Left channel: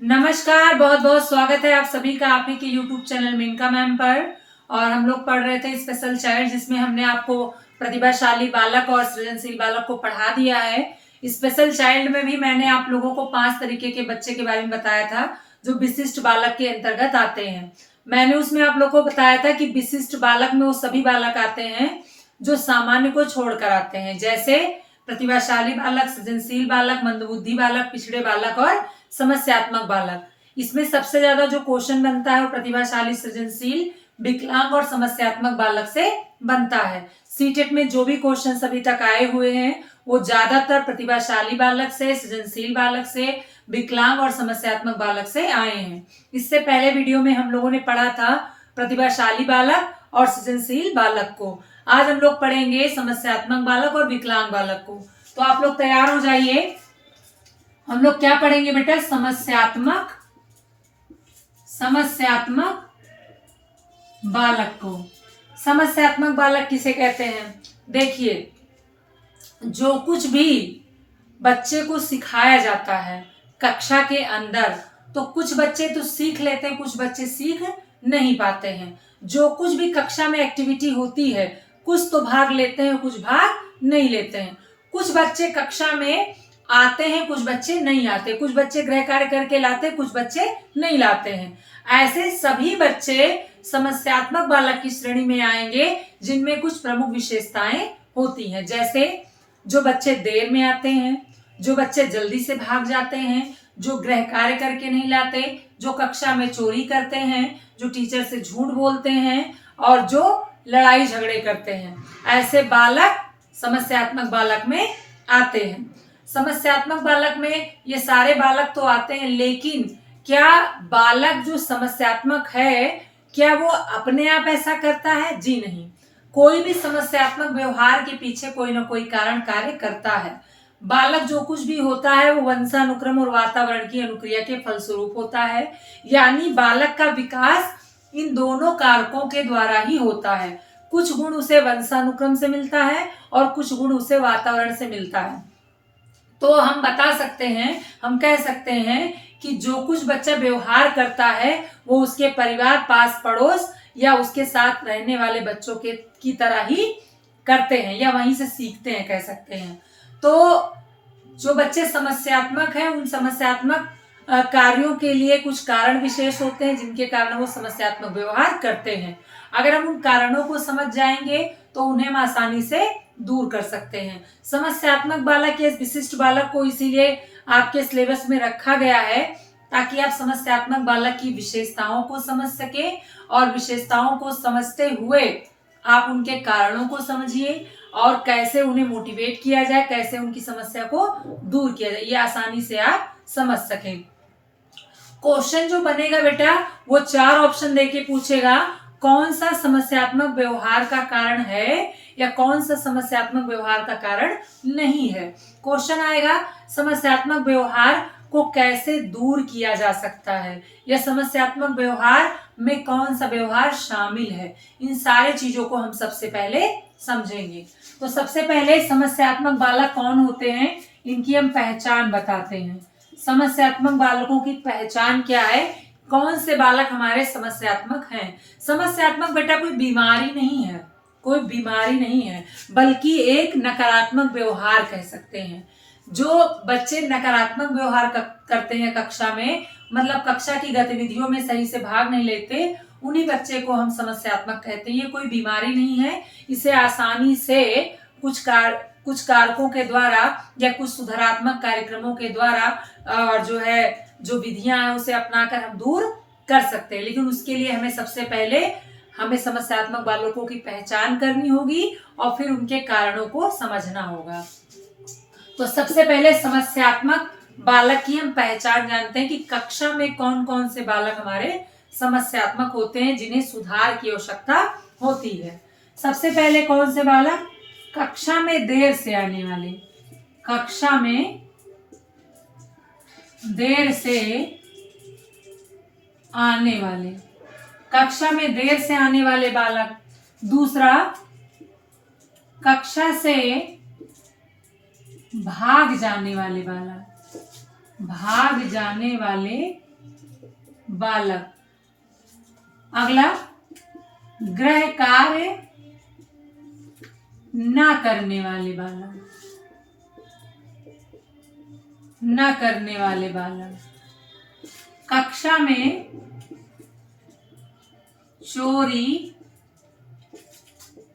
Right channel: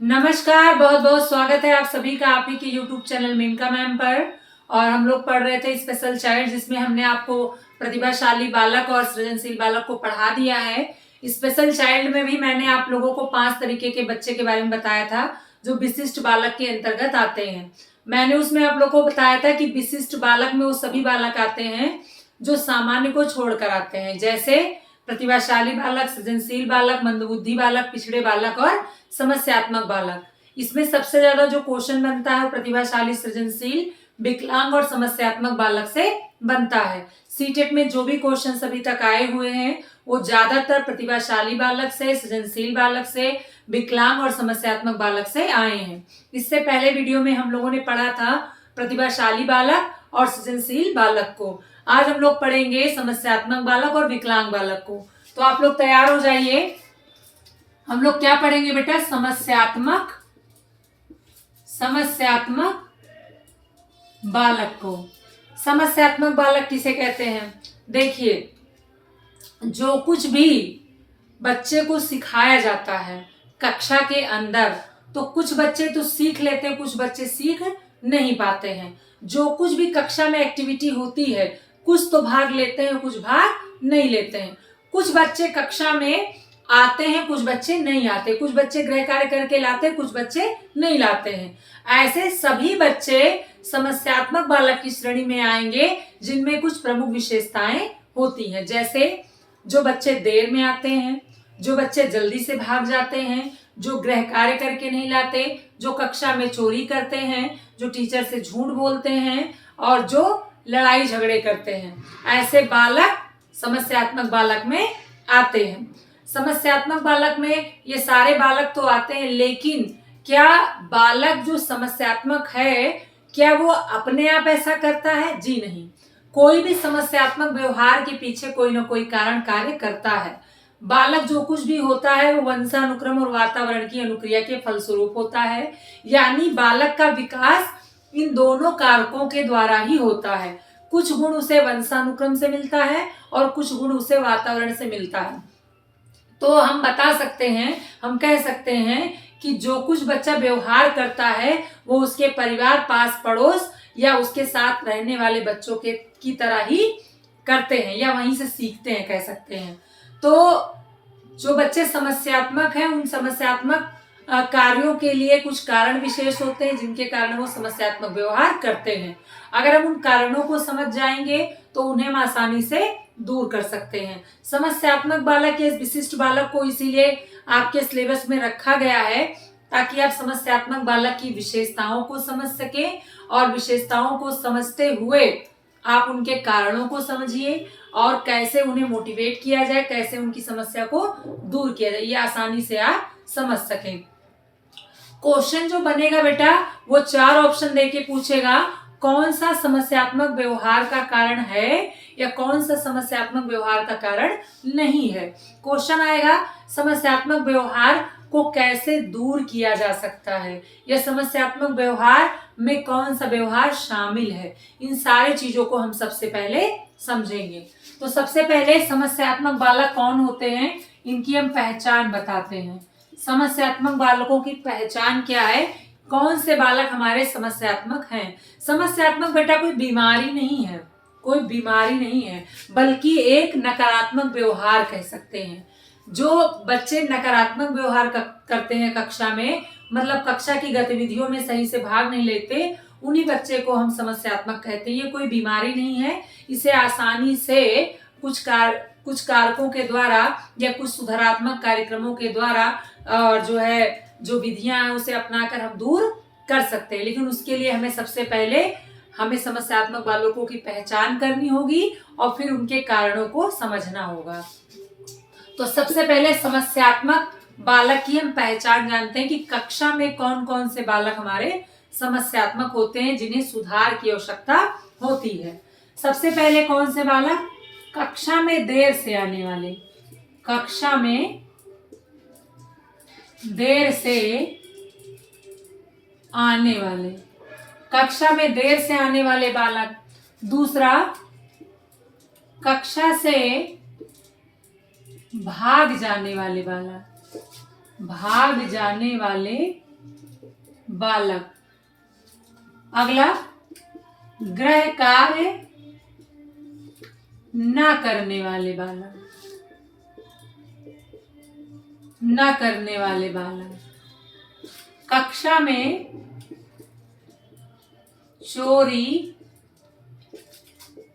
नमस्कार, बहुत बहुत स्वागत है आप सभी का आप ही के YouTube चैनल मेनका मैम पर। और हम लोग पढ़ रहे थे स्पेशल चाइल्ड, जिसमें हमने आपको प्रतिभाशाली बालक और सृजनशील बालक को पढ़ा दिया है। स्पेशल चाइल्ड में भी मैंने आप लोगों को 5 तरीके के बच्चे के बारे में बताया था जो विशिष्ट बालक के अंतर्गत आते हैं। मैंने उसमें आप लोग को बताया था कि विशिष्ट बालक में वो सभी बालक आते हैं जो सामान्य को छोड़कर आते हैं, जैसे प्रतिभाशाली बालक, सृजनशील बालक, मंदबुद्धि बालक, पिछड़े बालक और समस्यात्मक बालक। इसमें सबसे ज्यादा जो क्वेश्चन बनता है वो प्रतिभाशाली, सृजनशील, विकलांग और समस्यात्मक बालक से बनता है। सीटेट में जो भी क्वेश्चन अभी तक आए हुए हैं वो ज्यादातर प्रतिभाशाली बालक से, सृजनशील बालक से, विकलांग और समस्यात्मक बालक से आए हैं। इससे पहले वीडियो में हम लोगों ने पढ़ा था प्रतिभाशाली बालक और सृजनशील बालक को। आज हम लोग पढ़ेंगे समस्यात्मक बालक और विकलांग बालक को। तो आप लोग तैयार हो जाइए। हम लोग क्या पढ़ेंगे बेटा? समस्यात्मक बालक को। समस्यात्मक बालक किसे कहते हैं? देखिए, जो कुछ भी बच्चे को सिखाया जाता है कक्षा के अंदर, तो कुछ बच्चे तो सीख लेते हैं, कुछ बच्चे सीख नहीं पाते हैं। जो कुछ भी कक्षा में एक्टिविटी होती है, कुछ तो भाग लेते हैं, कुछ भाग नहीं लेते हैं। कुछ बच्चे कक्षा में आते हैं, कुछ बच्चे नहीं आते, कुछ बच्चे गृह कार्य करके लाते, कुछ बच्चे नहीं लाते हैं। ऐसे सभी बच्चे समस्यात्मक बालक की श्रेणी में आएंगे, जिनमें कुछ प्रमुख विशेषताएं होती हैं। जैसे जो बच्चे देर में आते हैं, जो बच्चे जल्दी से भाग जाते हैं, जो गृह कार्य करके नहीं लाते, जो कक्षा में चोरी करते हैं, जो टीचर से झूठ बोलते हैं और जो लड़ाई झगड़े करते हैं। ऐसे बालक समस्यात्मक बालक में आते हैं। समस्यात्मक बालक में ये सारे बालक तो आते हैं, लेकिन क्या बालक जो समस्यात्मक है क्या वो अपने आप ऐसा करता है? जी नहीं। कोई भी समस्यात्मक व्यवहार के पीछे कोई ना कोई कारण कार्य करता है। बालक जो कुछ भी होता है वो वंशानुक्रम और वातावरण की अनुक्रिया के फलस्वरूप होता है। यानी बालक का विकास इन दोनों कारकों के द्वारा ही होता है। कुछ गुण उसे वंशानुक्रम से मिलता है और कुछ गुण उसे वातावरण से मिलता है। तो हम बता सकते हैं, हम कह सकते हैं कि जो कुछ बच्चा व्यवहार करता है वो उसके परिवार, पास पड़ोस या उसके साथ रहने वाले बच्चों के की तरह ही करते हैं या वहीं से सीखते हैं, कह सकते हैं। तो जो बच्चे समस्यात्मक हैं, उन समस्यात्मक कार्यों के लिए कुछ कारण विशेष होते हैं जिनके कारण वो समस्यात्मक व्यवहार करते हैं। अगर हम उन कारणों को समझ जाएंगे तो उन्हें हम आसानी से दूर कर सकते हैं। समस्यात्मक बालक या विशिष्ट बालक को इसीलिए आपके सिलेबस में रखा गया है ताकि आप समस्यात्मक बालक की विशेषताओं को समझ सके और विशेषताओं को समझते हुए आप उनके कारणों को समझिए और कैसे उन्हें मोटिवेट किया जाए, कैसे उनकी समस्या को दूर किया जाए, ये आसानी से आप समझ सकें। क्वेश्चन जो बनेगा बेटा वो 4 ऑप्शन देके पूछेगा, कौन सा समस्यात्मक व्यवहार का कारण है या कौन सा समस्यात्मक व्यवहार का कारण नहीं है। क्वेश्चन आएगा समस्यात्मक व्यवहार को कैसे दूर किया जा सकता है या समस्यात्मक व्यवहार में कौन सा व्यवहार शामिल है। इन सारी चीजों को हम सबसे पहले समझेंगे। तो सबसे पहले समस्यात्मक बालक कौन होते हैं, इनकी हम पहचान बताते हैं। समस्यात्मक बालकों की पहचान क्या है? कौन से बालक हमारे समस्यात्मक हैं? समस्यात्मक बेटा कोई बीमारी नहीं है, कोई बीमारी नहीं है, बल्कि एक नकारात्मक व्यवहार कह सकते हैं। जो बच्चे नकारात्मक व्यवहार करते हैं कक्षा में, मतलब कक्षा की गतिविधियों में सही से भाग नहीं लेते, उन्हीं बच्चे को हम समस्यात्मक कहते हैं। ये कोई बीमारी नहीं है, इसे आसानी से कुछ कारकों के द्वारा या कुछ सुधारात्मक कार्यक्रमों के द्वारा और जो विधियां हैं उसे अपनाकर हम दूर कर सकते हैं। लेकिन उसके लिए हमें सबसे पहले समस्यात्मक बालकों की पहचान करनी होगी और फिर उनके कारणों को समझना होगा। तो सबसे पहले समस्यात्मक बालक की हम पहचान जानते हैं कि कक्षा में कौन कौन से बालक हमारे समस्यात्मक होते हैं, जिन्हें सुधार की आवश्यकता होती है। सबसे पहले कौन से बालक? कक्षा में देर से आने वाले, कक्षा में देर से आने वाले, कक्षा में देर से आने वाले बालक। दूसरा, कक्षा से भाग जाने वाले बालक, भाग जाने वाले बालक। अगला, गृह कार्य ना करने वाले बालक। न करने वाले बालक। कक्षा में चोरी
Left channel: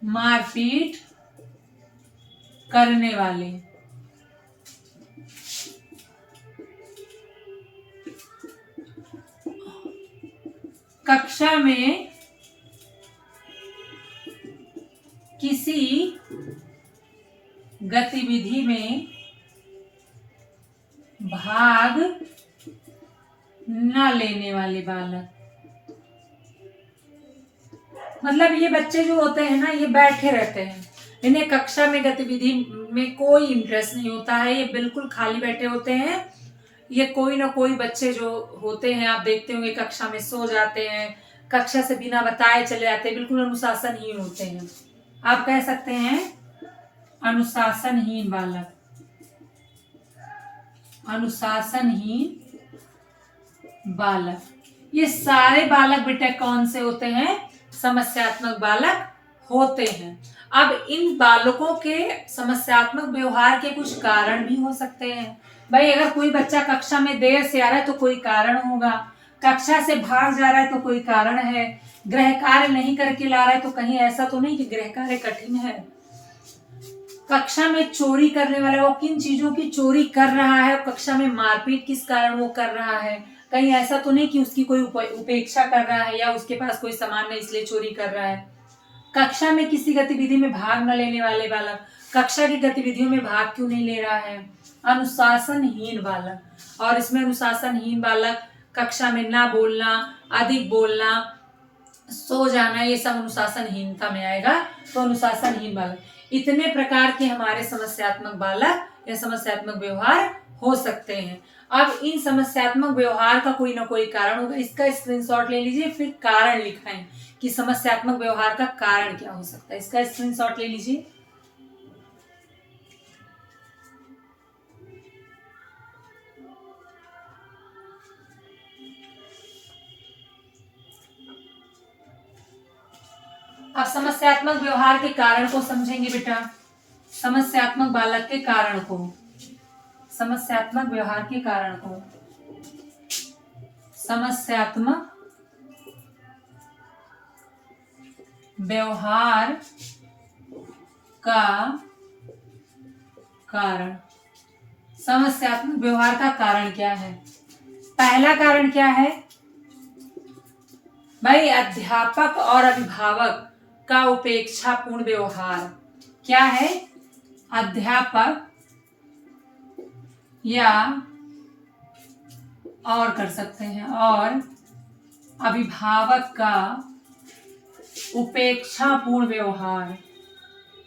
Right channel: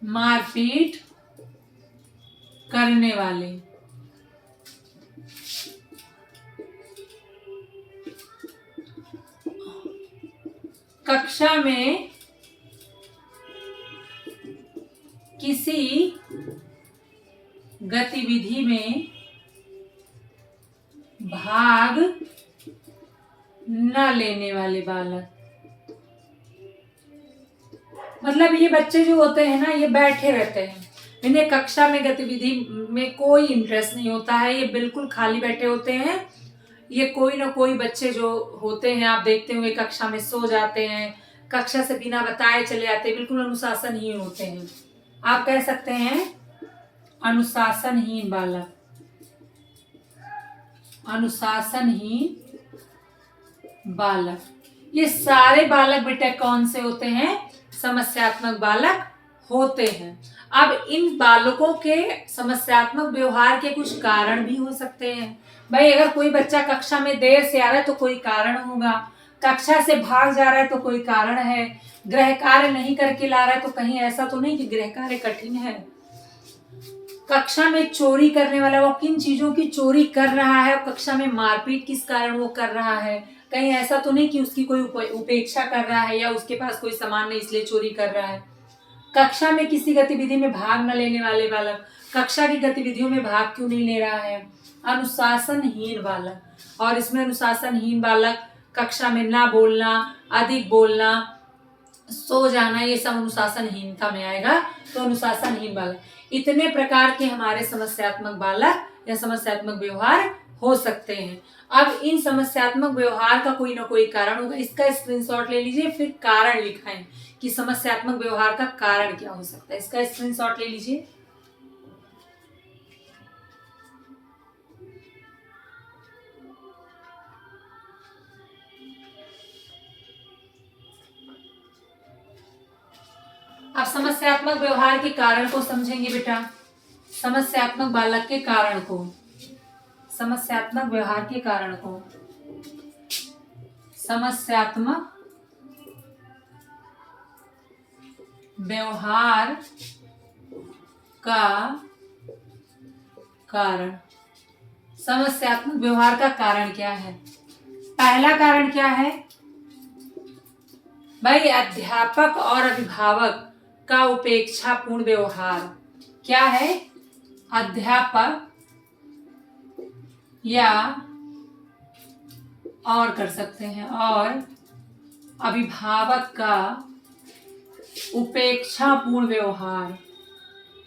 मारपीट करने वाले। कक्षा में किसी गतिविधि में भाग न लेने वाले बालक। मतलब ये बच्चे जो होते हैं ना, ये बैठे रहते हैं, इन्हें कक्षा में गतिविधि में कोई इंटरेस्ट नहीं होता है, ये बिल्कुल खाली बैठे होते हैं। ये कोई ना कोई बच्चे जो होते हैं, आप देखते होंगे कक्षा में सो जाते हैं, कक्षा से बिना बताए चले जाते हैं, बिल्कुल अनुशासनहीन होते हैं। आप कह सकते हैं अनुशासनहीन बालक। अनुशासनहीन बालक। ये सारे बालक बेटा कौन से होते हैं? समस्यात्मक बालक होते हैं। अब इन बालकों के समस्यात्मक व्यवहार के कुछ कारण भी हो सकते हैं। भाई अगर कोई बच्चा कक्षा में देर से आ रहा है तो कोई कारण होगा, कक्षा से भाग जा रहा है तो कोई कारण है, गृह कार्य नहीं करके ला रहा है तो कहीं ऐसा तो नहीं कि गृह कार्य कठिन है। कक्षा में चोरी करने वाला, वो किन चीजों की चोरी कर रहा है, कक्षा में मारपीट किस कारण वो कर रहा है, कहीं ऐसा तो नहीं कि उसकी कोई उपेक्षा कर रहा है या उसके पास कोई सामान नहीं इसलिए चोरी कर रहा है। कक्षा में किसी गतिविधि में भाग न लेने वाले बालक, कक्षा की गतिविधियों में भाग क्यों नहीं ले रहा है? अनुशासनहीन बालक। और इसमें अनुशासनहीन बालक कक्षा में ना बोलना, अधिक बोलना, सो जाना, ये सब अनुशासनहीनता में आएगा। तो अनुशासनहीन बालक। इतने प्रकार के हमारे समस्यात्मक बालक या समस्यात्मक व्यवहार हो सकते हैं। अब इन समस्यात्मक व्यवहार का कोई ना कोई कारण होगा, इसका स्क्रीनशॉट ले लीजिए, फिर कारण लिखाएं कि समस्यात्मक व्यवहार का कारण क्या हो सकता है। इसका स्क्रीनशॉट ले लीजिए। अब समस्यात्मक व्यवहार के कारण को समझेंगे बेटा। समस्यात्मक बालक के कारण को, समस्यात्मक व्यवहार के कारण को, समस्यात्मक व्यवहार का कारण। समस्यात्मक व्यवहार का कारण क्या है? पहला कारण क्या है भाई? अध्यापक और अभिभावक का उपेक्षापूर्ण व्यवहार। क्या है? अध्यापक या और कर सकते हैं और अभिभावक का उपेक्षापूर्ण व्यवहार।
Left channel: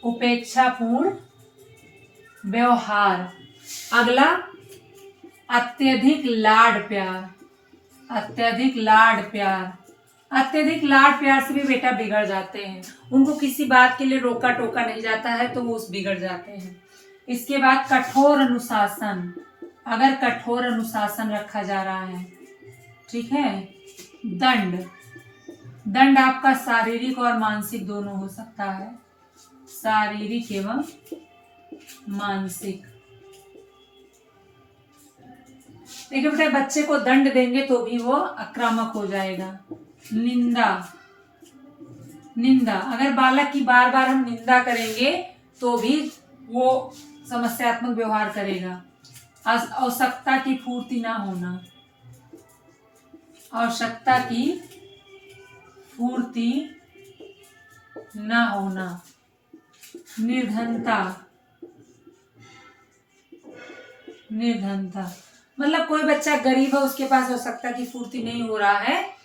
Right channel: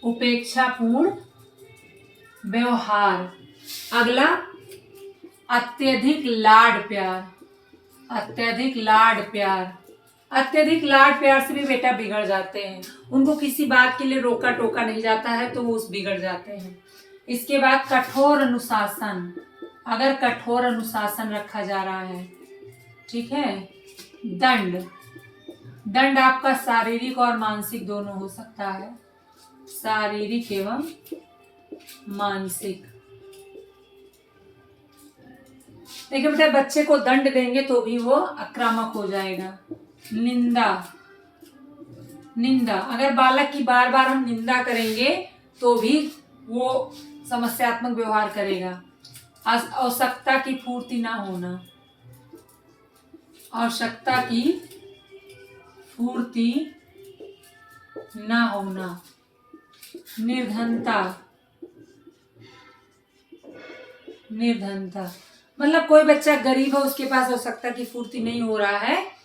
उपेक्षापूर्ण व्यवहार। अगला, अत्यधिक लाड प्यार। अत्यधिक लाड प्यार। अत्यधिक लाड प्यार से भी बेटा बिगड़ जाते हैं, उनको किसी बात के लिए रोका टोका नहीं जाता है तो वो उस बिगड़ जाते हैं। इसके बाद कठोर अनुशासन। अगर कठोर अनुशासन रखा जा रहा है, ठीक है। दंड। दंड आपका शारीरिक और मानसिक दोनों हो सकता है, शारीरिक एवं मानसिक। देखिए बेटा, बच्चे को दंड देंगे तो भी वो आक्रामक हो जाएगा। निंदा। निंदा, अगर बालक की बार बार हम निंदा करेंगे तो भी वो समस्यात्मक व्यवहार करेगा। आवश्यकता की पूर्ति ना होना। आवश्यकता की पूर्ति ना होना। निर्धनता। निर्धनता मतलब कोई बच्चा गरीब है, उसके पास आवश्यकता की पूर्ति नहीं हो रहा है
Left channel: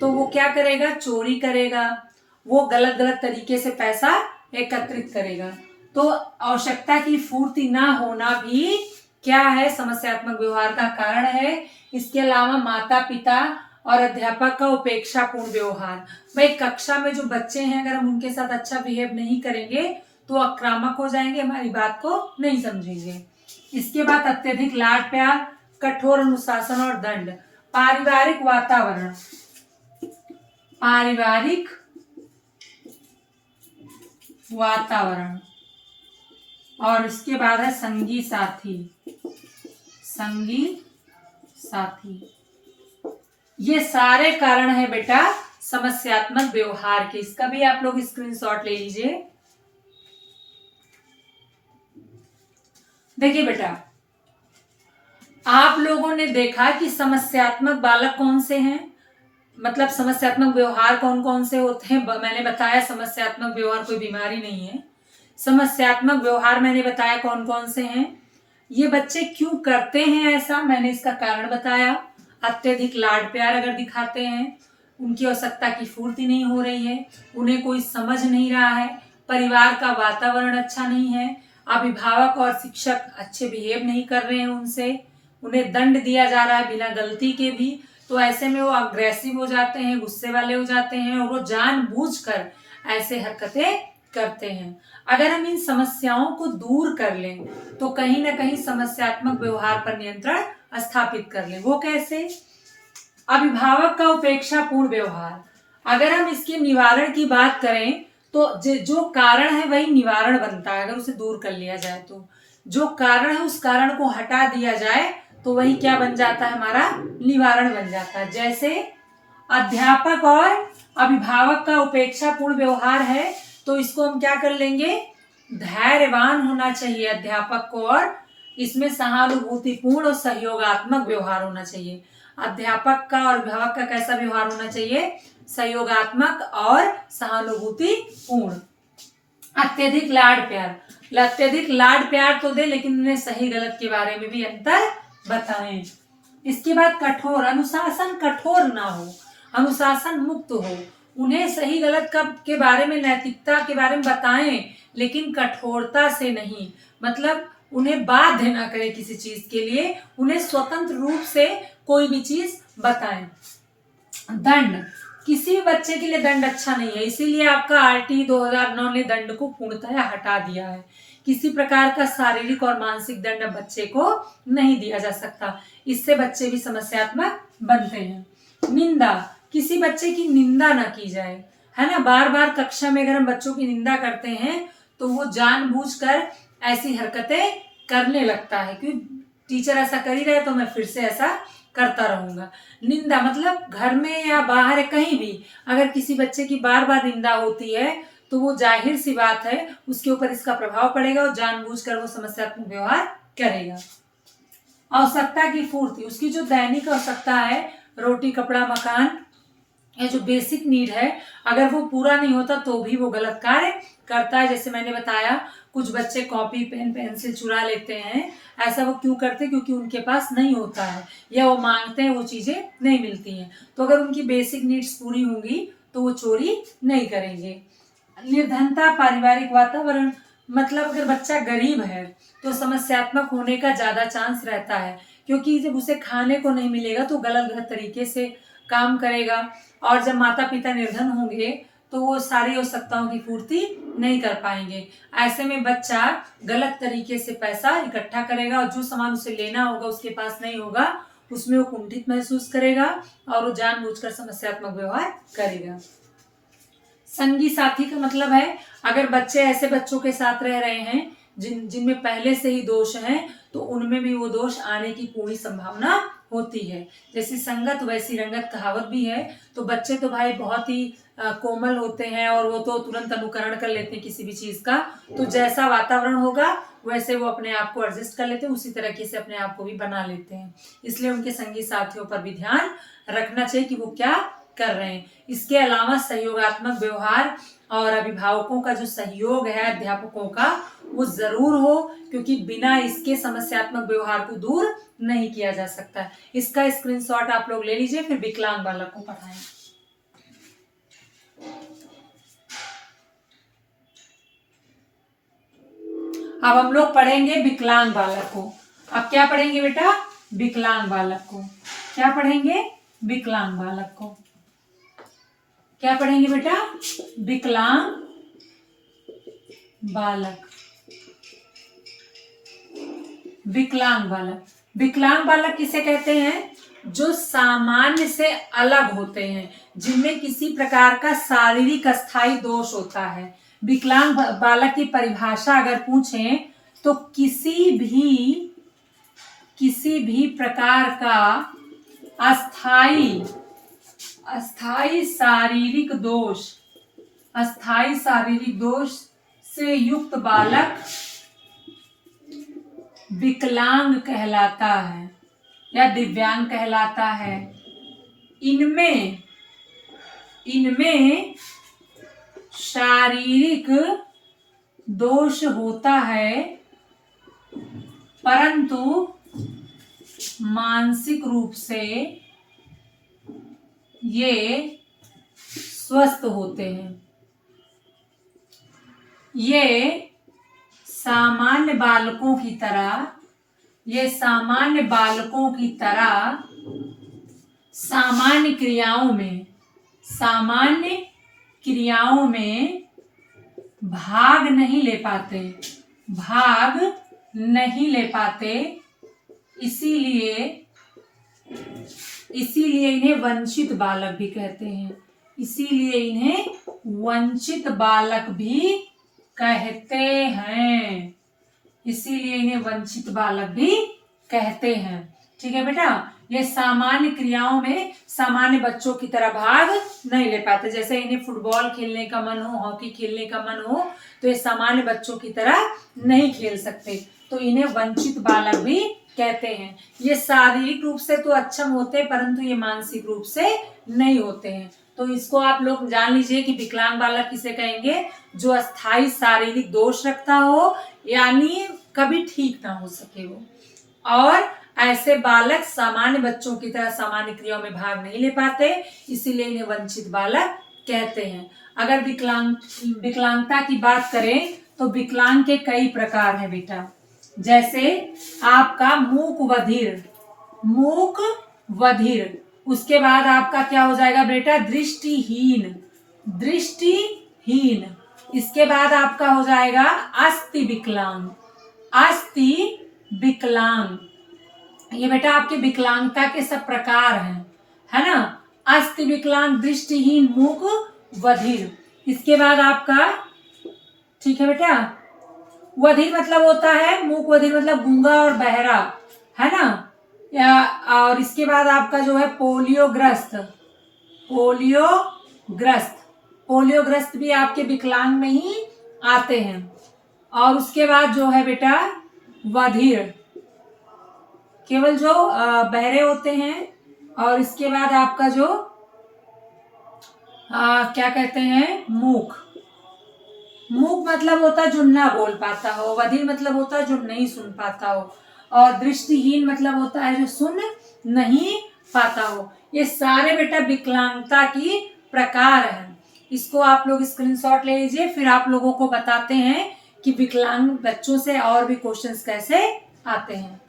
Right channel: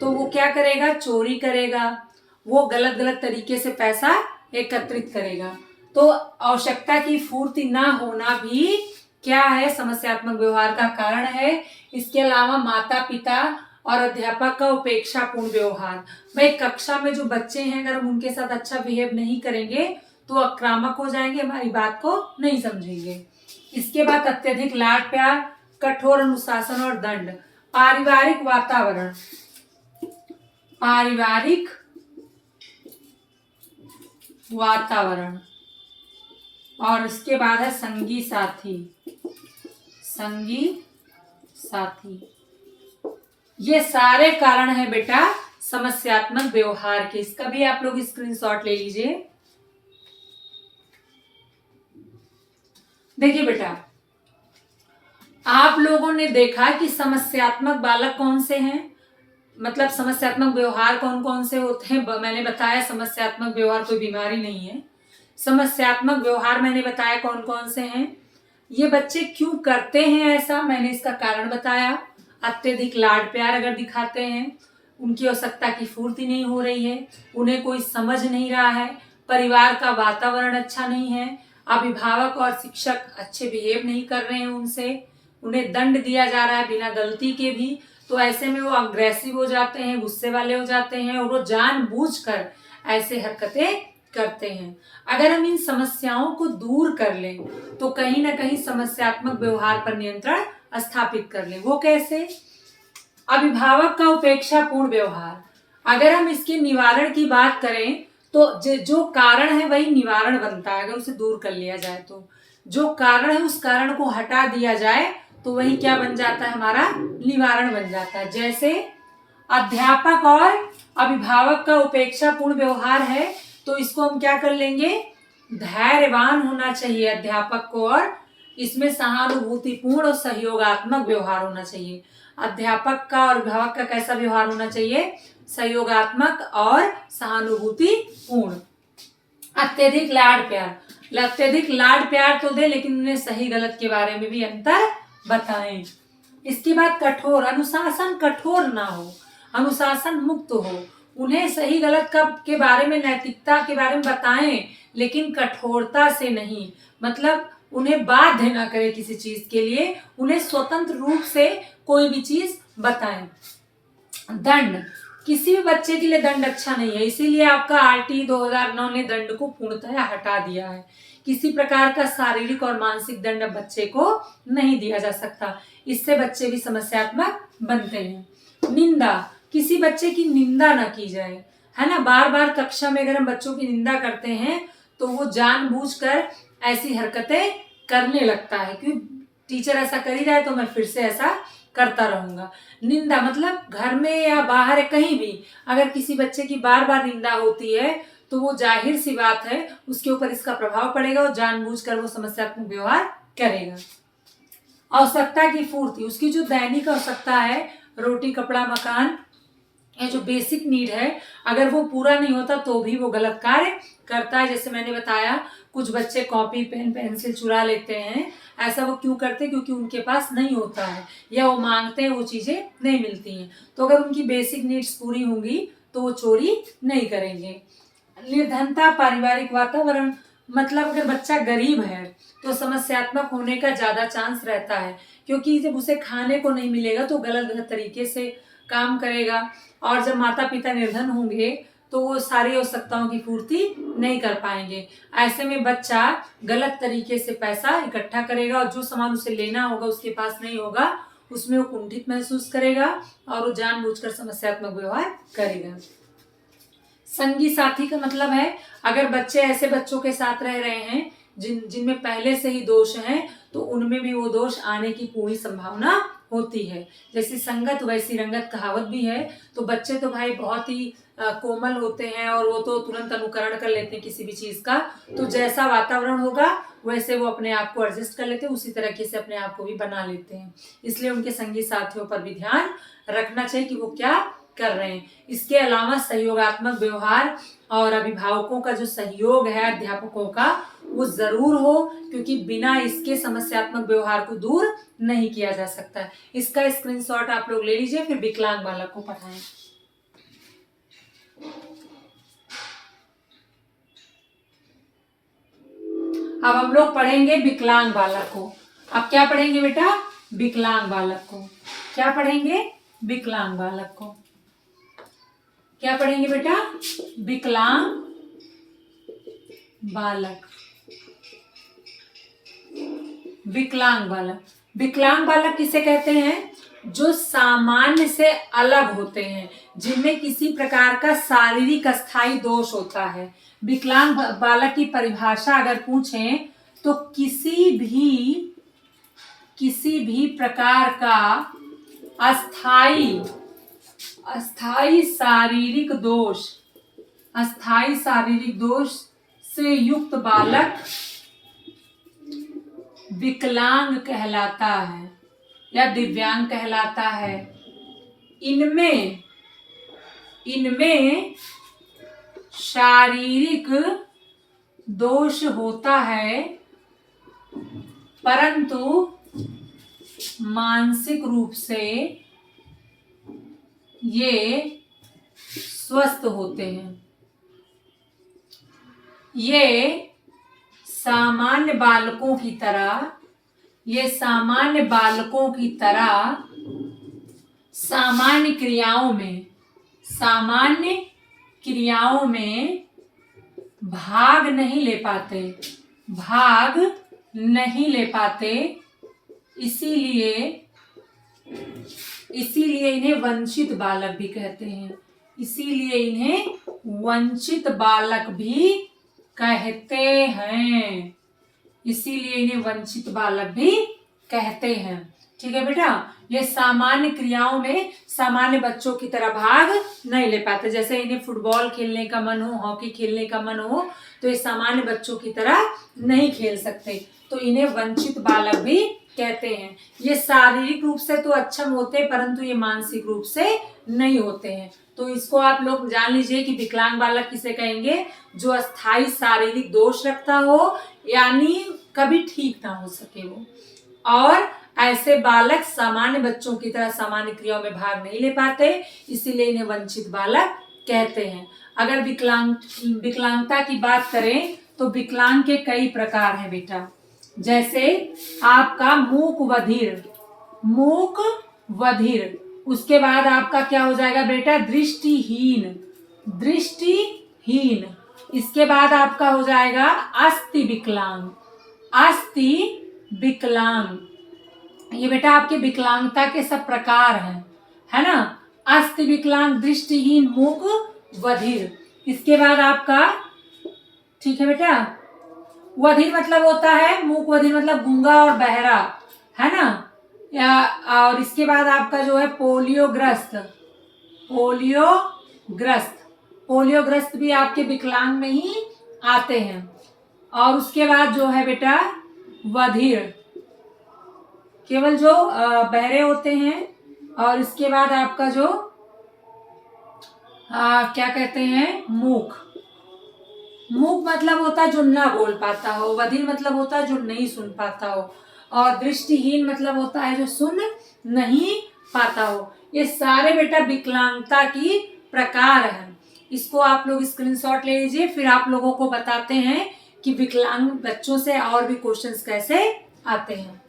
तो वो क्या करेगा? चोरी करेगा, वो गलत गलत तरीके से पैसा एकत्रित करेगा। तो आवश्यकता की पूर्ति ना होना भी क्या है? समस्यात्मक व्यवहार का कारण है। इसके अलावा माता पिता और अध्यापक का उपेक्षापूर्ण व्यवहार। भाई कक्षा में जो बच्चे हैं, अगर हम उनके साथ अच्छा बिहेव नहीं करेंगे तो आक्रामक हो जाएंगे, हमारी बात को नहीं समझेंगे। इसके बाद अत्यधिक लाड प्यार, कठोर अनुशासन और दंड। पारिवारिक वातावरण, पारिवारिक वातावरण, और इसके बाद है संगी साथी, संगी साथी। ये सारे कारण है बेटा समस्यात्मक व्यवहार के। इसका भी आप लोग स्क्रीनशॉट ले लीजिए। देखिए बेटा, आप लोगों ने देखा कि समस्यात्मक बालक कौन से हैं, मतलब समस्यात्मक व्यवहार कौन कौन से होते हैं। मैंने बताया समस्यात्मक व्यवहार कोई बीमारी नहीं है। समस्यात्मक व्यवहार मैंने बताया कौन कौन से हैं। ये बच्चे क्यों करते हैं ऐसा, मैंने इसका कारण बताया। अत्यधिक लाड प्यार अगर दिखाते हैं, उनकी आवश्यकता की पूर्ति नहीं हो रही है, उन्हें कोई समझ नहीं रहा है, परिवार का वातावरण अच्छा नहीं है, अभिभावक और शिक्षक अच्छे बिहेव नहीं कर रहे हैं उनसे, उन्हें दंड दिया जा रहा है बिना गलती के भी, तो ऐसे में वो अग्रेसिव हो जाते हैं, गुस्से वाले हो जाते हैं और वो जानबूझकर ऐसे हरकतें करते हैं। अगर हम इन समस्याओं को दूर कर लें तो कहीं ना कहीं समस्यात्मक व्यवहार पर नियंत्रण स्थापित कर लें। वो कैसे? अभिभावक का उपेक्षापूर्ण व्यवहार, अगर हम इसके निवारण की बात करें तो जो कारण है वही निवारण बनता है। अगर उसे दूर कर लिया जाए तो जो कारण है उस कारण को हटा दिया जाए तो वही क्या बन जाता है, हमारा निवारण बन जाता है। जैसे अध्यापक और अभिभावक का उपेक्षापूर्ण व्यवहार है तो इसको हम क्या कर लेंगे, धैर्यवान होना चाहिए अध्यापक को, और इसमें सहानुभूतिपूर्ण और सहयोगात्मक व्यवहार होना चाहिए। अध्यापक का और अभिभावक का कैसा व्यवहार होना चाहिए, सहयोगात्मक और सहानुभूतिपूर्ण। अत्यधिक लाड प्यार, अत्यधिक लाड प्यार तो दे लेकिन उन्हें सही गलत के बारे में भी अंतर बताएं। इसके बाद कठोर, अनुशासन कठोर ना हो, अनुशासन मुक्त हो, उन्हें सही गलत के बारे में, नैतिकता के बारे में बताएं लेकिन कठोरता से नहीं, मतलब उन्हें बाध्य ना करें किसी चीज के लिए, उन्हें स्वतंत्र रूप से कोई भी चीज बताएं। दंड, किसी बच्चे के लिए दंड अच्छा नहीं है, इसीलिए आपका आरटी 2009 ने दंड को पूर्णतः हटा दिया है। किसी प्रकार का शारीरिक और मानसिक दंड बच्चे को नहीं दिया जा सकता, इससे बच्चे भी समस्यात्मक बनते हैं। निंदा, किसी बच्चे की निंदा ना की जाए, है ना। बार बार कक्षा में अगर हम बच्चों की निंदा करते हैं तो वो जानबूझकर ऐसी हरकतें करने लगता है, क्योंकि टीचर ऐसा कर ही रहा है तो मैं फिर से ऐसा करता रहूंगा। निंदा मतलब घर में या बाहर है, कहीं भी अगर किसी बच्चे की बार बार निंदा होती है तो वो जाहिर सी बात है उसके ऊपर इसका प्रभाव पड़ेगा और जानबूझकर वो समस्यात्मक व्यवहार करेगा। आवश्यकता की पूर्ति, उसकी जो दैनिक आवश्यकता है, रोटी कपड़ा मकान, ये जो बेसिक नीड है, अगर वो पूरा नहीं होता तो भी वो गलत कार्य करता है। जैसे मैंने बताया कुछ बच्चे कॉपी पेन पेंसिल चुरा लेते हैं, ऐसा वो क्यों करते हैं, क्योंकि उनके पास नहीं होता है या वो मांगते हैं, वो चीजें नहीं मिलती हैं। तो अगर उनकी बेसिक नीड्स पूरी होंगी तो वो चोरी नहीं करेंगे। निर्धनता, पारिवारिक वातावरण, मतलब अगर बच्चा गरीब है तो समस्यात्मक होने का ज्यादा चांस रहता है, क्योंकि जब उसे खाने को नहीं मिलेगा तो गलत गलत तरीके से काम करेगा, और जब माता पिता निर्धन होंगे तो वो सारी आवश्यकताओं की पूर्ति नहीं कर पाएंगे। ऐसे में बच्चा गलत तरीके से पैसा इकट्ठा करेगा और जो सामान उसे लेना होगा उसके पास नहीं होगा, उसमें वो कुंठित महसूस करेगा और वो जानबूझकर समस्यात्मक व्यवहार करेगा। संगी साथी का मतलब है अगर बच्चे ऐसे बच्चों के साथ रह रहे हैं जिनमें पहले से ही दोष हैं तो उनमें भी वो दोष आने की पूरी संभावना होती है। जैसी संगत वैसी रंगत कहावत भी है, तो बच्चे तो भाई बहुत ही कोमल होते हैं और वो तो तुरंत अनुकरण कर लेते हैं किसी भी चीज का, तो जैसा वातावरण होगा वैसे वो अपने आप को एडजस्ट कर लेते हैं, उसी तरीके से अपने आप को भी बना लेते हैं। इसलिए उनके संगी साथियों पर भी ध्यान रखना चाहिए कि वो क्या कर रहे हैं। इसके अलावा सहयोगात्मक व्यवहार और अभिभावकों का जो सहयोग है अध्यापकों का वो जरूर हो, क्योंकि बिना इसके समस्यात्मक व्यवहार को दूर नहीं किया जा सकता। इसका स्क्रीनशॉट आप लोग ले लीजिए, फिर विकलांग बालक को पढ़ाएं। अब हम लोग पढ़ेंगे विकलांग बालक को। अब क्या पढ़ेंगे बेटा? विकलांग बालक को। क्या पढ़ेंगे? विकलांग बालक को। क्या पढ़ेंगे बेटा? विकलांग बालक। विकलांग बालक विकलांग बालक किसे कहते हैं? जो सामान्य से अलग होते हैं, जिनमें किसी प्रकार का शारीरिक अस्थायी दोष होता है। विकलांग बालक की परिभाषा अगर पूछें तो किसी भी प्रकार का अस्थायी शारीरिक दोष से युक्त बालक विकलांग कहलाता है या दिव्यांग कहलाता है। इनमें शारीरिक दोष होता है, परंतु मानसिक रूप से ये स्वस्थ होते हैं। ये सामान्य बालकों की तरह सामान्य क्रियाओं में भाग नहीं ले पाते, इसीलिए इन्हें वंचित बालक भी कहते हैं। ठीक है बेटा, ये सामान्य क्रियाओं में सामान्य बच्चों की तरह भाग नहीं ले पाते। जैसे इन्हें फुटबॉल खेलने का मन हो, हॉकी खेलने का मन हो, तो ये सामान्य बच्चों की तरह नहीं खेल सकते, तो इन्हें वंचित बालक भी कहते हैं। ये शारीरिक रूप से तो अक्षम होते हैं, परंतु ये मानसिक रूप से नहीं होते हैं। तो इसको आप लोग जान लीजिए कि विकलांग बालक किसे कहेंगे? जो अस्थायी शारीरिक दोष रखता हो, यानी कभी ठीक ना हो सके वो, और ऐसे बालक सामान्य बच्चों की तरह सामान्य क्रियाओं में भाग नहीं ले पाते, इसीलिए इन्हें वंचित बालक कहते हैं। अगर विकलांगता की बात करें तो विकलांग के कई प्रकार हैं बेटा। जैसे आपका मूक बधिर, उसके बाद आपका क्या हो जाएगा बेटा? दृष्टिहीन, इसके बाद आपका हो जाएगा अस्थि विकलांग। ये बेटा आपके विकलांगता के सब प्रकार हैं, है ना? अस्थि विकलांग, दृष्टिहीन, मूक बधिर। इसके बाद आपका, ठीक है बेटा, बधिर मतलब होता है, मूक बधिर मतलब गूंगा और बहरा, है ना? और इसके बाद आपका जो है पोलियोग्रस्त भी आपके विकलांग में ही आते हैं। और उसके बाद जो है बेटा बधिर, केवल जो बहरे होते हैं। और इसके बाद आपका जो क्या कहते हैं? मूक मतलब होता है जो ना बोल पाता हो, बधिर मतलब होता है जो नहीं सुन पाता हो, और दृष्टिहीन मतलब होता है जो सुन नहीं पाता हो। ये सारे बेटा विकलांगता की प्रकार हैं। इसको आप लोग स्क्रीनशॉट ले लीजिए, फिर आप लोगों को बताते हैं कि विकलांग बच्चों से और भी क्वेश्चंस कैसे आते हैं।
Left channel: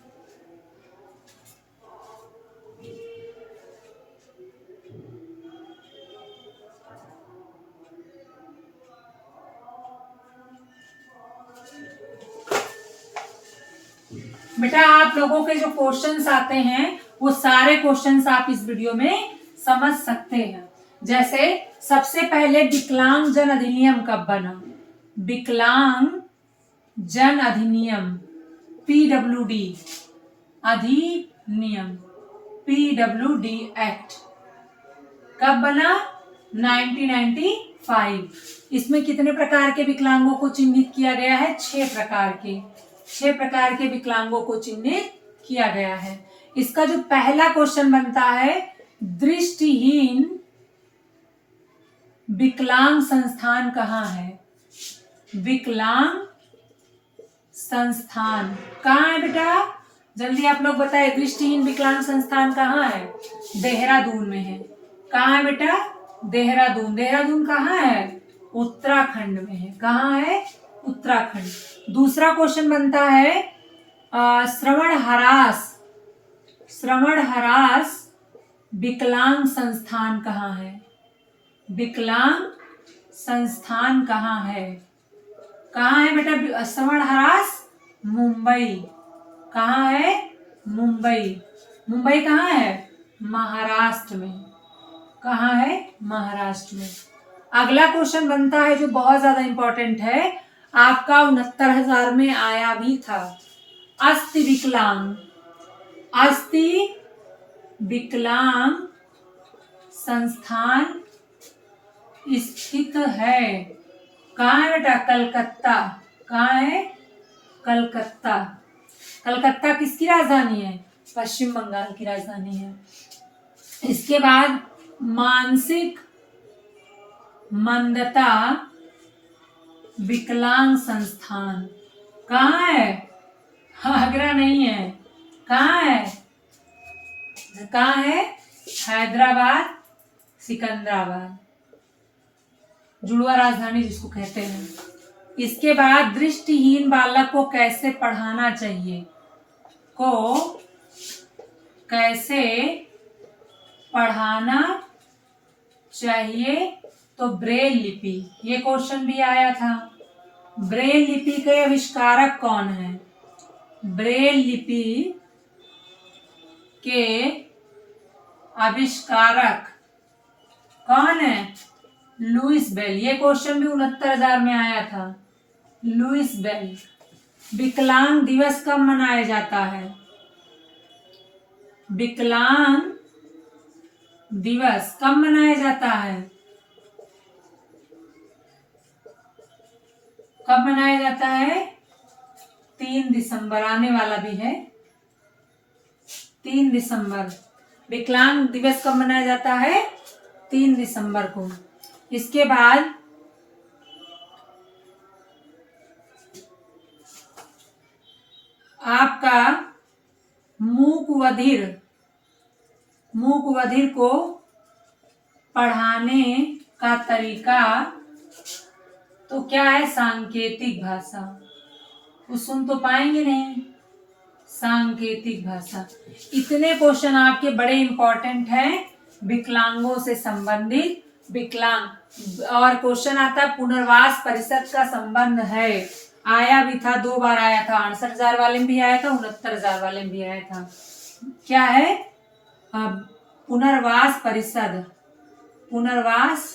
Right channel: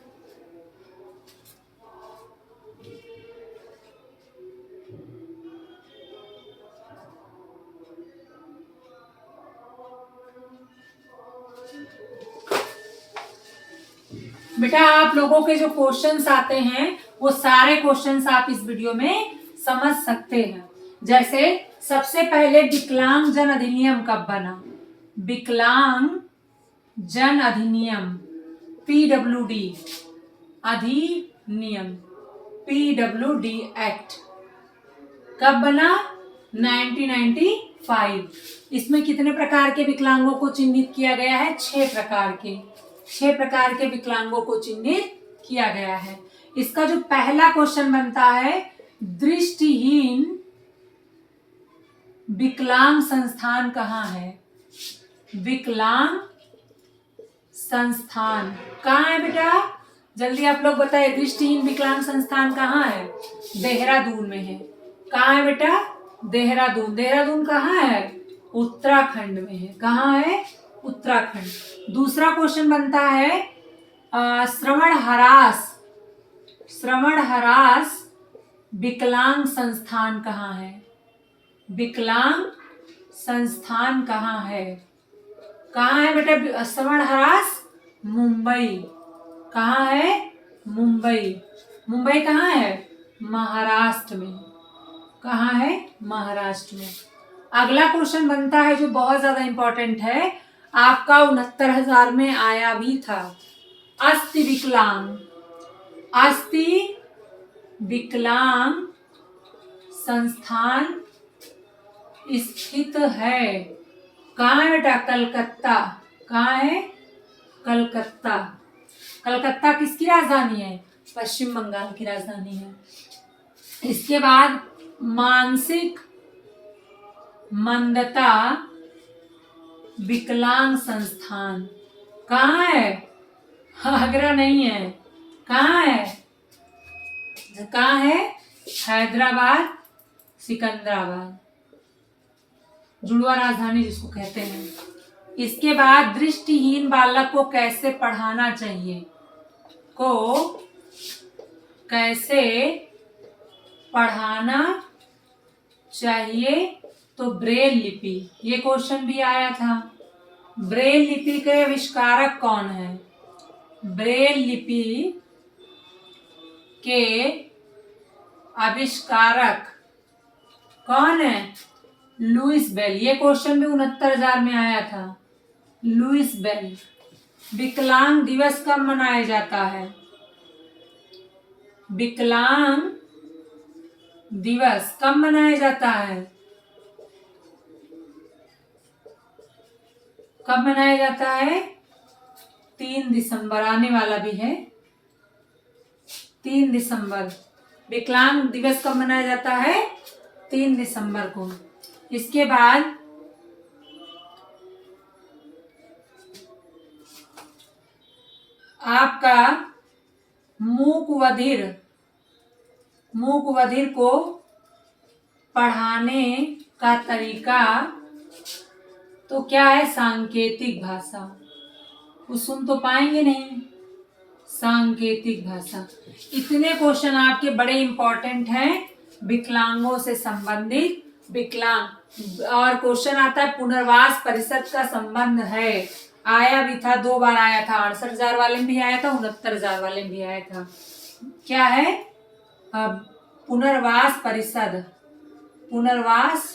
बेटा आप लोगों के जो क्वेश्चंस आते हैं वो सारे क्वेश्चंस आप इस वीडियो में समझ सकते हैं। जैसे सबसे पहले विकलांग जन अधिनियम कब बना? विकलांग जन अधिनियम PWD अधिनियम, PWD एक्ट कब बना? 1995। इसमें कितने प्रकार के विकलांगों को चिन्हित किया गया है? 6 प्रकार के विकलांगों को चिन्हित किया गया है। इसका जो पहला क्वेश्चन बनता है, दृष्टिहीन विकलांग संस्थान कहाँ है? विकलांग संस्थान कहाँ है बेटा? जल्दी आप लोग बताए, दृष्टिहीन विकलांग संस्थान कहाँ है? देहरादून में है। कहाँ है बेटा? देहरादून कहाँ है? उत्तराखंड में है। कहाँ है? उत्तराखंड। दूसरा क्वेश्चन बनता है श्रवण हरास विकलांग संस्थान कहाँ है? विकलांग संस्थान कहाँ है? कहाँ है बेटा श्रवण हरास? मुंबई। कहाँ है? मुंबई। मुंबई कहाँ है? महाराष्ट्र में। कहाँ है? महाराष्ट्र में। अगला क्वेश्चन बनता है जो बहुत ज्यादा इंपॉर्टेंट है, आपका 69,000 में आया भी था। अस्थि विकलांग, अस्थि विकलांग संस्थान स्थित है कहाँ है बेटा? कलकत्ता। कहाँ है? कलकत्ता। कलकत्ता किसकी राजधानी है? पश्चिम बंगाल की राजधानी है। इसके बाद मानसिक मंदता विकलांग संस्थान कहाँ है? आगरा नहीं है। कहाँ है? कहाँ है? हैदराबाद, सिकंदराबाद, जुड़वा राजधानी जिसको कहते हैं। इसके बाद दृष्टिहीन बालक को कैसे पढ़ाना चाहिए? को कैसे पढ़ाना चाहिए? तो ब्रेल लिपि, ये क्वेश्चन भी आया था। ब्रेल लिपि के आविष्कारक कौन है? ब्रेल लिपि के आविष्कारक कौन है? Lewis bell. ये क्वेश्चन भी 69,000 में आया था। Louis Braille. विकलांग दिवस कब मनाया जाता है? विकलांग दिवस कब मनाया जाता है? कब मनाया जाता है? 3 दिसंबर। आने वाला भी है 3 दिसंबर। विकलांग दिवस कब मनाया जाता है? 3 दिसंबर को। इसके बाद आपका मूक बधिर को पढ़ाने का तरीका तो क्या है? सांकेतिक भाषा। वो सुन तो पाएंगे नहीं। सांकेतिक भाषा। इतने क्वेश्चन आपके बड़े इंपॉर्टेंट हैं विकलांगों से संबंधित। विकलांग और क्वेश्चन आता है पुनर्वास परिषद का संबंध है। आया भी था, 2 बार आया था। 68,000 वाले में भी आया था, 69,000 वाले में भी आया था। क्या है? पुनर्वास परिषद। पुनर्वास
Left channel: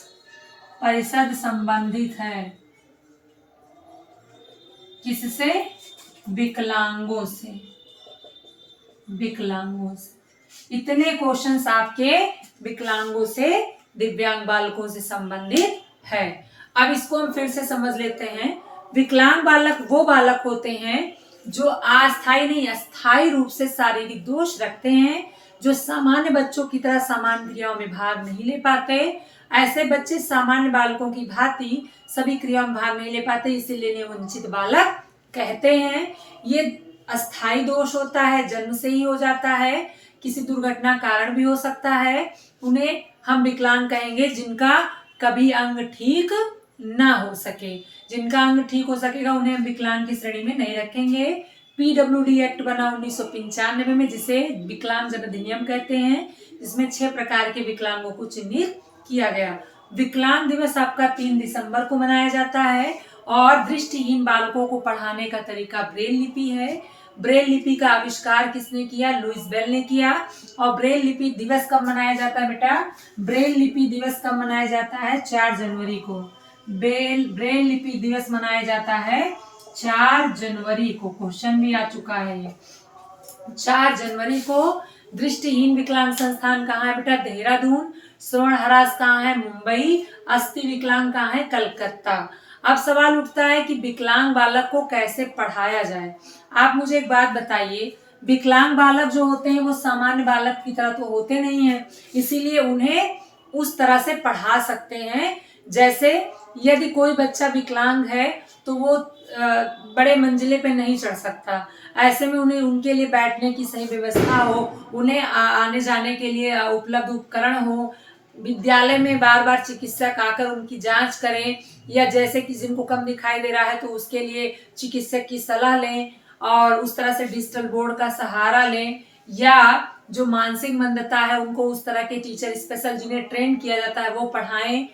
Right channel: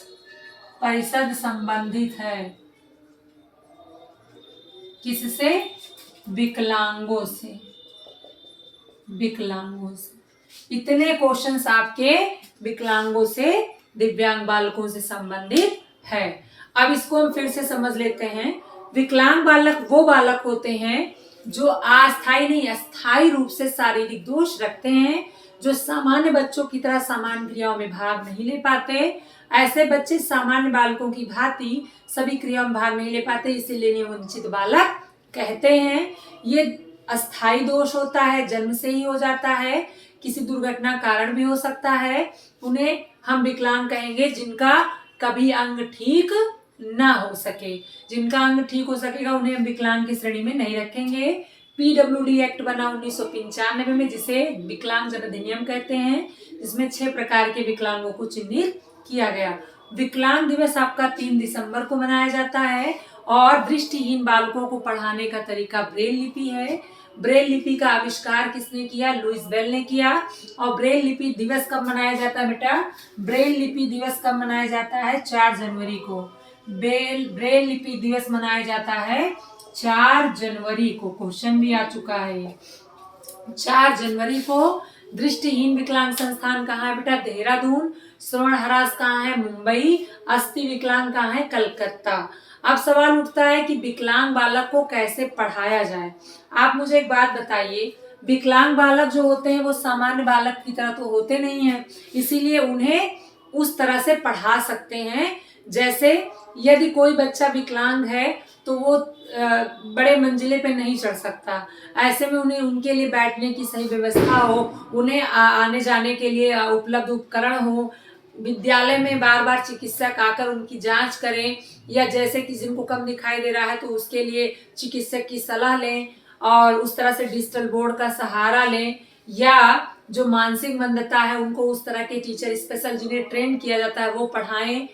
परिषद संबंधित है किससे? विकलांगों से। विकलांगों से। इतने क्वेश्चंस आपके विकलांगों से, दिव्यांग बालकों से संबंधित है। अब इसको हम फिर से समझ लेते हैं। विकलांग बालक वो बालक होते हैं जो अस्थायी नहीं, अस्थायी रूप से शारीरिक दोष रखते हैं, जो सामान्य बच्चों की तरह सामान्य क्रियाओं में भाग नहीं ले पाते। ऐसे बच्चे सामान्य बालकों की भांति सभी क्रियाओं में भाग नहीं ले पाते, इसीलिए इन्हें वंचित बालक कहते हैं। ये अस्थायी दोष होता है, जन्म से ही हो जाता है, किसी दुर्घटना कारण भी हो सकता है। उन्हें हम विकलांग कहेंगे जिनका कभी अंग ठीक ना हो सके। जिनका अंग ठीक हो सकेगा उन्हें हम विकलांग की श्रेणी में नहीं रखेंगे। पीडब्ल्यूडी एक्ट बना 1995 में, जिसे विकलांग जन अधिनियम कहते हैं, जिसमें 6 प्रकार के विकलांगों को चिन्हित किया गया। विकलांग दिवस आपका 3 दिसंबर को मनाया जाता है और दृष्टिहीन बालकों को पढ़ाने का तरीका ब्रेल लिपि है। ब्रेल लिपि का आविष्कार किसने किया? लुईस बेल ने किया। और ब्रेल लिपि दिवस कब मनाया जाता है बेटा? ब्रेल लिपि दिवस कब मनाया जाता है? 4 जनवरी को। ब्रेल लिपि दिवस मनाया जाता है 4 जनवरी को। क्वेश्चन भी आ चुका है 4 जनवरी को। दृष्टिहीन विकलांग संस्थान कहाँ है बेटा? देहरादून। श्रवण हरास कहाँ है? मुंबई। अस्थि विकलांग कहाँ है? कलकत्ता। अब सवाल उठता है कि विकलांग बालक को कैसे पढ़ाया जाए। आप मुझे एक बात बताइए, विकलांग बालक जो होते हैं वो सामान्य बालक की तरह तो होते नहीं हैं, इसीलिए उन्हें उस तरह से पढ़ा सकते हैं जैसे यदि कोई बच्चा विकलांग है तो वो बड़े मंजिले पे नहीं चढ़ सकता, ऐसे में उन्हें उनके लिए बैठने की सही व्यवस्था हो, उन्हें आने जाने के लिए उपलब्ध उपकरण हो, विद्यालय में बार बार चिकित्सक आकर उनकी जांच करें, या जैसे किसी को कम दिखाई दे रहा है तो उसके लिए चिकित्सक की सलाह लें और उस तरह से डिजिटल बोर्ड का सहारा लें, या जो मानसिक मंदता है उनको उस तरह के टीचर स्पेशल जिन्हें ट्रेन किया जाता है वो पढ़ाएं।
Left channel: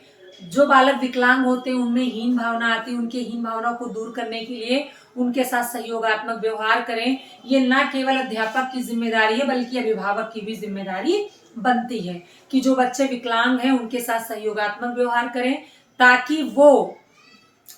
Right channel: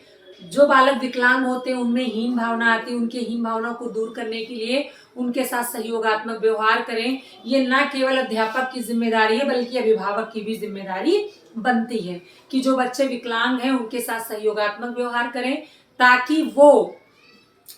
जो बालक विकलांग होते हैं उनमें हीन भावना आती है, उनकी हीन भावना को दूर करने के लिए उनके साथ सहयोगात्मक व्यवहार करें। ये ना केवल अध्यापक की जिम्मेदारी है बल्कि अभिभावक की भी जिम्मेदारी बनती है कि जो बच्चे विकलांग हैं उनके साथ सहयोगात्मक व्यवहार करें, ताकि वो,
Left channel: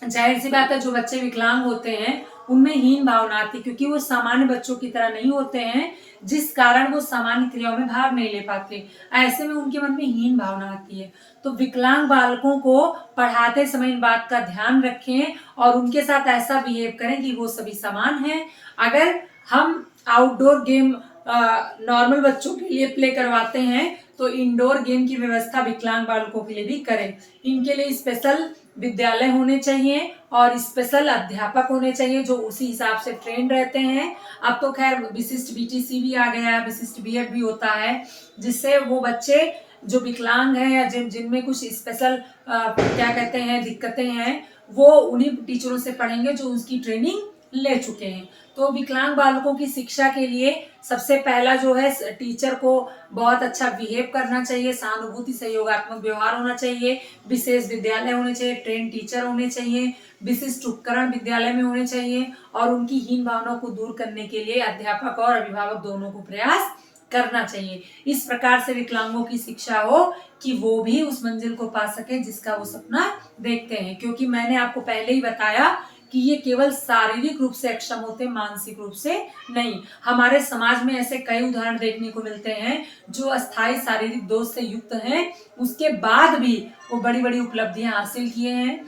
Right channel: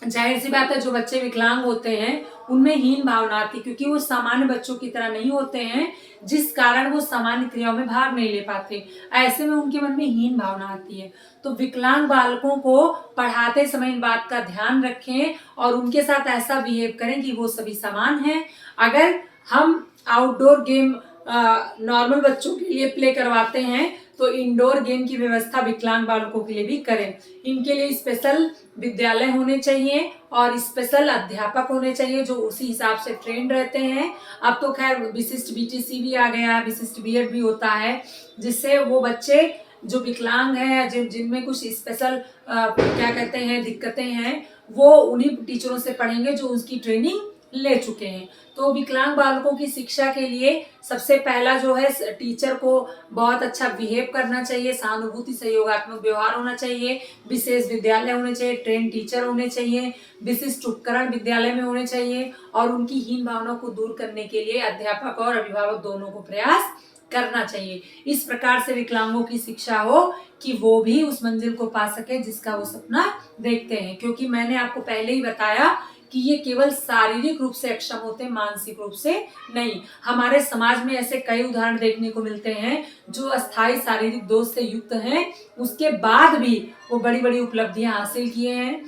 जाहिर सी बात है जो बच्चे विकलांग होते हैं उनमें हीन भावना आती, क्योंकि वो सामान्य बच्चों की तरह नहीं होते हैं, जिस कारण वो सामान्य क्रियाओं में भाग नहीं ले पाते। ऐसे में उनके मन में हीन भावना आती है। तो विकलांग बालकों को पढ़ाते समय इन बात का ध्यान रखें और उनके साथ ऐसा बिहेव करें कि वो सभी समान हैं। अगर हम आउटडोर गेम नॉर्मल बच्चों के लिए प्ले करवाते हैं तो इंडोर गेम की व्यवस्था विकलांग बालकों के लिए भी करें। इनके लिए स्पेशल विद्यालय होने चाहिए और स्पेशल अध्यापक होने चाहिए जो उसी हिसाब से ट्रेंड रहते हैं। अब तो खैर विशिष्ट बीटीसी भी आ गया है, विशिष्ट बीएड भी होता है, जिससे वो बच्चे जो विकलांग हैं या जिनमें कुछ स्पेशल क्या कहते हैं दिक्कतें हैं, वो उन्हीं टीचरों से पढ़ेंगे जो उसकी ट्रेनिंग ले चुके हैं। तो विकलांग बालकों की शिक्षा के लिए सबसे पहला जो है, टीचर को बहुत अच्छा बिहेव करना चाहिए, सहानुभूति सहयोगात्मक व्यवहार होना चाहिए, विशेष विद्यालय होने चाहिए, ट्रेन टीचर होने चाहिए, विशिष्ट उपकरण विद्यालय में होने चाहिए और उनकी हीन भावनाओं को दूर करने के लिए अध्यापक और अभिभावक दोनों को प्रयास करना चाहिए। इस प्रकार से विकलांगों की शिक्षा हो कि वो भी उस मंजिल को पा सके जिसका वो सपना देखते हैं। क्योंकि मैंने आपको पहले ही बताया कि ये केवल शारीरिक रूप से अक्षम होते, मानसिक रूप से नहीं। हमारे समाज में ऐसे कई उदाहरण देखने को मिलते हैं जो अस्थायी शारीरिक दोष से युक्त हैं, उसके बाद भी वो बड़ी बड़ी उपलब्धियां हासिल किए हैं।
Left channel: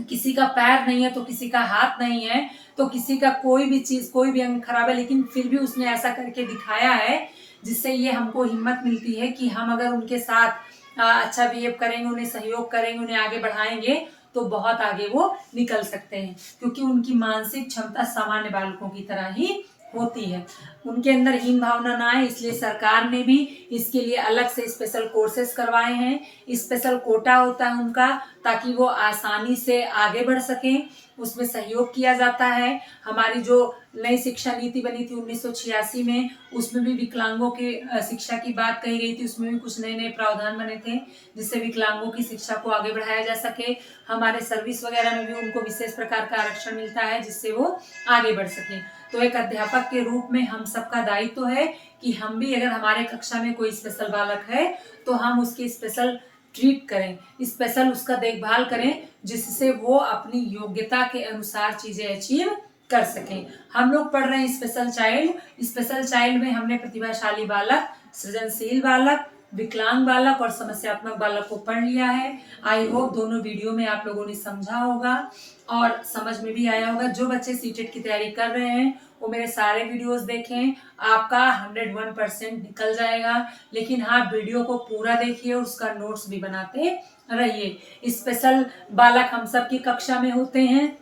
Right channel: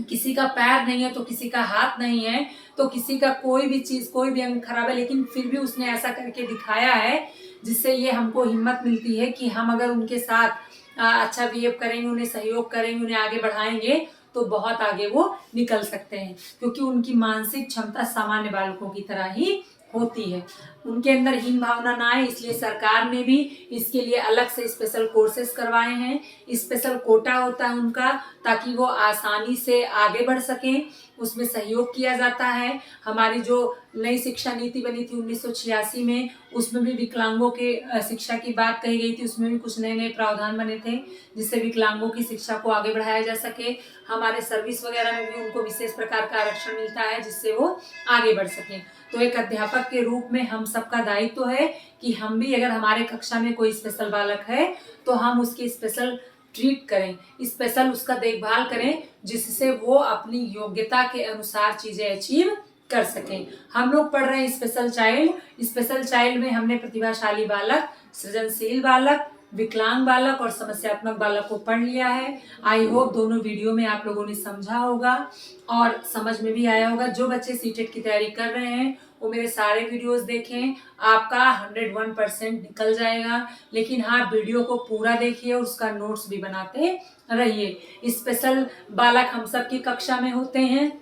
किसी का पैर नहीं है तो किसी का हाथ नहीं है, तो किसी का कोई भी चीज, कोई भी अंग खराब है, लेकिन फिर भी उसने ऐसा करके दिखाया है जिससे ये हमको हिम्मत मिलती है कि हम अगर उनके साथ अच्छा बिहेव करेंगे, उन्हें सहयोग करेंगे, उन्हें आगे बढ़ाएंगे तो बहुत आगे वो निकल सकते हैं। क्योंकि उनकी मानसिक क्षमता सामान्य बालकों की तरह ही होती है। उनके अंदर हीन भावना ना आए, इसलिए सरकार ने भी इसके लिए अलग से स्पेशल कोर्सेज करवाए हैं। स्पेशल कोटा होता है उनका, ताकि वो आसानी से आगे बढ़ सकें, उसमें सहयोग किया जाता है। हमारी जो नई शिक्षा नीति बनी थी 1986 में, उसमें भी विकलांगों के शिक्षा की बात कही गई थी। उसमें भी कुछ नए नए प्रावधान बने थे जिससे विकलांगों की शिक्षा को आगे बढ़ाया जा सके। हमारे सर्विस वगैरह में भी उनको विशेष प्रकार का आरक्षण मिलता है जिससे वो आगे बढ़ सके। तो एक अध्यापक के रूप में हम सबका दायित्व है कि हम भी, अगर हमारे कक्षा में कोई स्पेशल बालक है तो हम उसकी स्पेशल ट्रीट करें, स्पेशल उसका देखभाल करें, जिससे वो अपनी योग्यता के अनुसार चीजें अचीव कर सकें। हम लोग पढ़ रहे हैं स्पेशल चाइल्ड। स्पेशल चाइल्ड में हमने प्रतिभाशाली बालक, सृजनशील बालक, विकलांग बालक और समस्यात्मक बालक को पढ़ लिया है। आई होप दोनों वीडियो में आप लोगों ने समझा होगा और समझ में भी आया होगा। जो बच्चे सीटेट की तैयारी कर रहे हैं वो मेरे सारे वीडियोस देखें, आपका 101% निकल जाएगा। लेकिन हाँ, वीडियो को पूरा देखिए और उसका नोट्स भी बनाते रहिए। स्पेशल बालक हम सब की कक्षा में होते हैं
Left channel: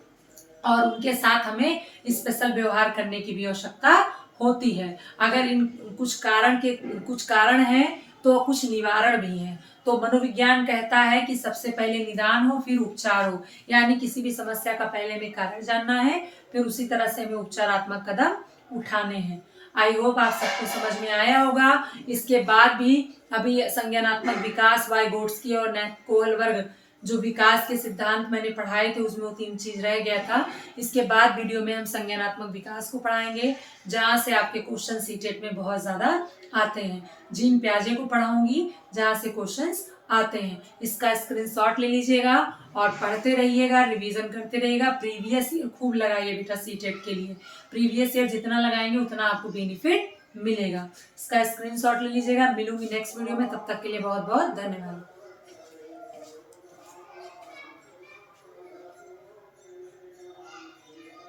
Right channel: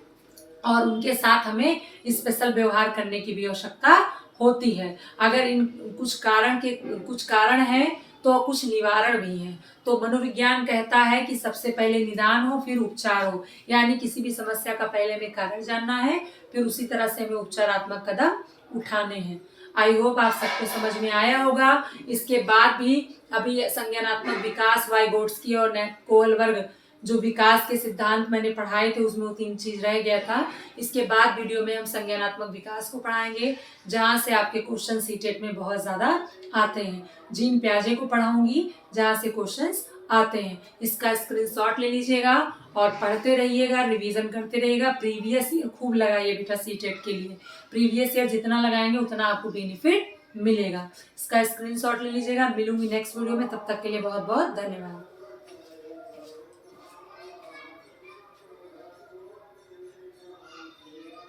और उनके साथ हमें स्पेशल व्यवहार करने की भी आवश्यकता होती है। अगर इन कुछ कारण हैं तो कुछ निवारण भी हैं। तो मनोविज्ञान कहता है कि सबसे पहले निदान हो फिर उपचार हो, यानी किसी भी समस्या का पहले हमें कारण जानना है, फिर उसी तरह से हमें उपचारात्मक कदम उठाने हैं। आई होप आप सबको समझ में आया होगा। इसके बाद भी अभी संज्ञानात्मक विकास, वाइगोट्स्की और कोहलबर्ग जो विकास के सिद्धांत मैंने पढ़ाए थे उसमें वो 3 चीज रह गया था। इसके बाद वीडियो में हम संज्ञानात्मक विकास को पढ़ाएंगे, जहां से आपके क्वेश्चन सीटेट में बहुत ज्यादा आते हैं। जीन प्याजे को पढ़ाऊंगी जहां से क्वेश्चंस आते हैं। इसका स्क्रीनशॉट ले लीजिएगा और पढ़ते रहिएगा, रिवीजन करते रहिएगा। प्रीवियस ईयर खूब लगाइए बेटा सीटेट के लिए। प्रीवियस ईयर जितना लगाएंगे उतना आपको बेनिफिट मिलेगा। इसका स्क्रीनशॉट ले लीजिएगा। मिलूंगी नेक्स्ट वीडियो में, तब तक के लिए बहुत बहुत धन्यवाद।